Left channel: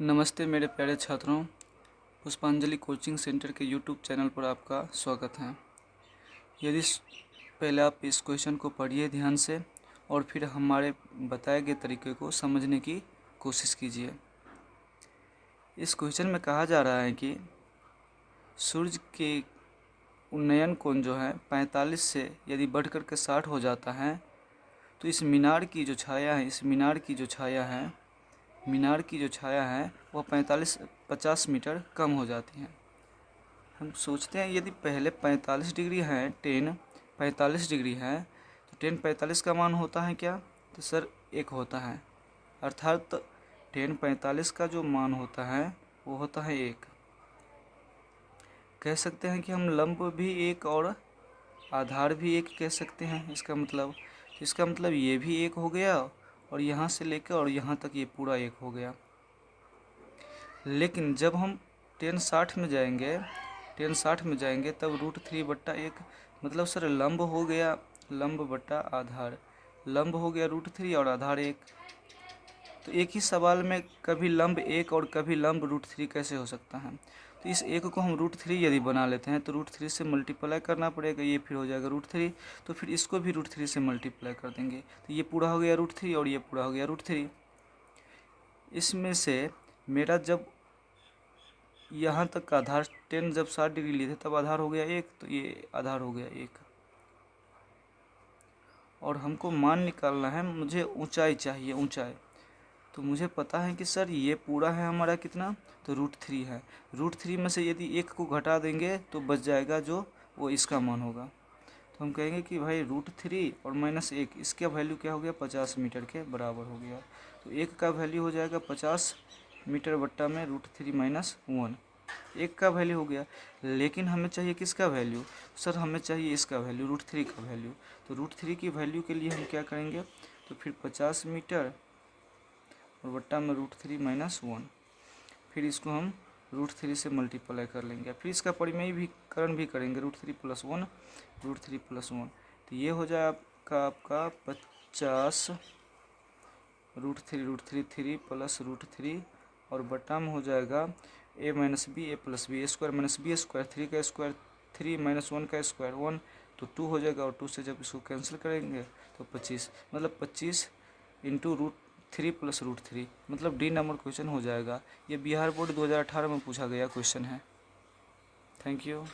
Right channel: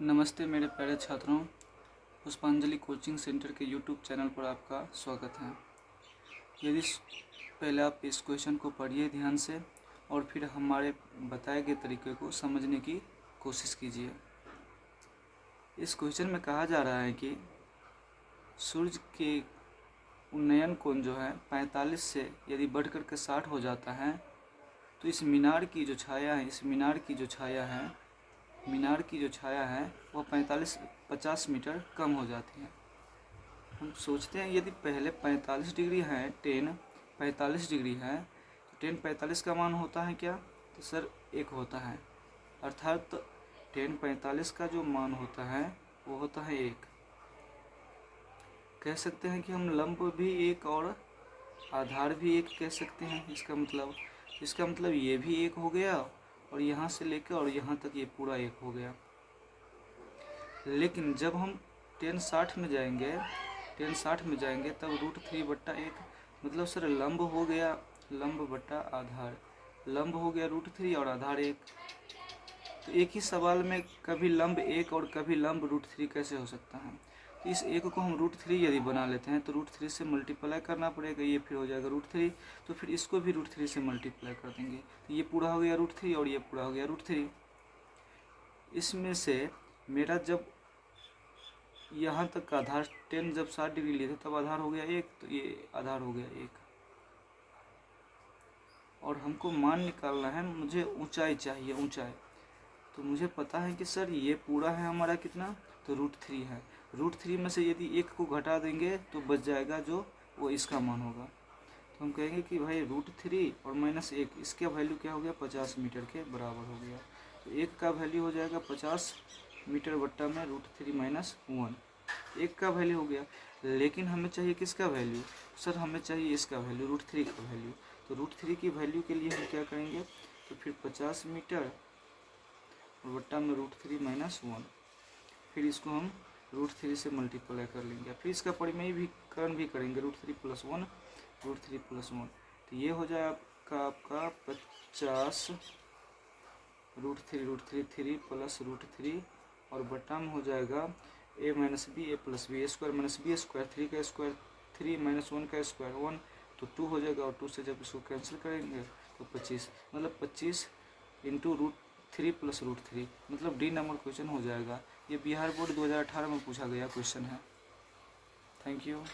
नमस्ते मेरे प्यारे छात्रों, पुष्पांजलि कोचिंग सेंटर के यूट्यूब चैनल पर आपका स्वागत है। यदि पहले आप इस क्वेश्चन को पढ़िए ध्यान से और फिर हमारे बताए गए तरीके को समझने की कोशिश कीजिए। इस क्वेश्चन में कहा जा रहा है कि सूर्य के उन्नयन कोण जो है 45 से यदि बढ़ कर के 60 हो जाता है तो इस मीनार की जो छाया है वो 50 मीटर कम हो जाती है। हम सोचते हैं यदि पहले 45 डिग्री है, टेन 45 डिग्री है तो टेन 45 का मान होता है क्या? तो सर 1 होता है, अर्थात टेन 45 का जो मान होता है वो होता है 1। कह सकते हैं कि हम लंब भी 1 और आधार भी 1 कह सकते हैं। इसका मतलब ये भी 1 हो गया और यहाँ से लेकर और यहाँ तक ये पूरा 1 हो गया। लेकिन जब हम टेन 60 में जाएंगे तब √3/1 मतलब सर लंब हो गया लंब बटा आधार, लंब हो गया √3 और आधार 1। तो एक ही सवाल में कभी लंब 1 और कभी लंब √3 कैसे हो सकता है? तो इस 1 को हम √3 यदि बना लेते हैं तो √3 से मल्टीप्लाई करना पड़ेगा, ये फिर हो जाएगा √3, तो फिर इसको भी √3 से मल्टीप्लाई कर देंगे तो ये पूरा हो गया √3 और ये पूरा हो गया √3। इसमें से मेरा जब यहाँ तक का आधार टेन जब 60 डिग्री लिए थे तब आधार हो गया 1, तो ये आधार हो गया 1। और हमको मान निकालना है, मुझे ऊंचाई चाहिए, ऊंचाई। तो मुझे पता है कि सर ये पूरा है हमारा कितना, तो √3 है। √3 में से यदि 1 को घटा देंगे तो बच जाएगा जो वो इसका मान होगा। तो हम कहेंगे कि भाई √3 और -1 इसका वैल्यू क्या हो गया, 50 मीटर के बराबर हो गया। तो 1 का वैल्यू हो जाएगा 50 मीटर बट्टा में √3 - 1, 1 का वैल्यू हो गया। लेकिन हमें चाहिए किसका वैल्यू? सर हमें चाहिए इसका वैल्यू, √3 का वैल्यू। तो √3 की वैल्यू के लिए हम क्या करेंगे, तो फिर 50 मीटर और बट्टा में √3 - 1, फिर इसको हम √3 से मल्टीप्लाई कर लेंगे, फिर इसका परिमेयीकरण भी करेंगे, √3 + 1 √3 + 1, तो ये हो जाए आपका 50 √3 3 प्लस √3 और बट्टा में हो जाएगा a - b a + b a² - b², 3 का स्क्वायर 3 - 1 का स्क्वायर 1, तो 2 हो जाएगा। और 2 से जब इसको कैंसिल करेंगे तो 25, मतलब 25 × √3 + √3, मतलब डी नंबर क्वेश्चन हो जाएगा। ये बिहार बोर्ड 2018 में पूछा गया क्वेश्चन है। Thank you.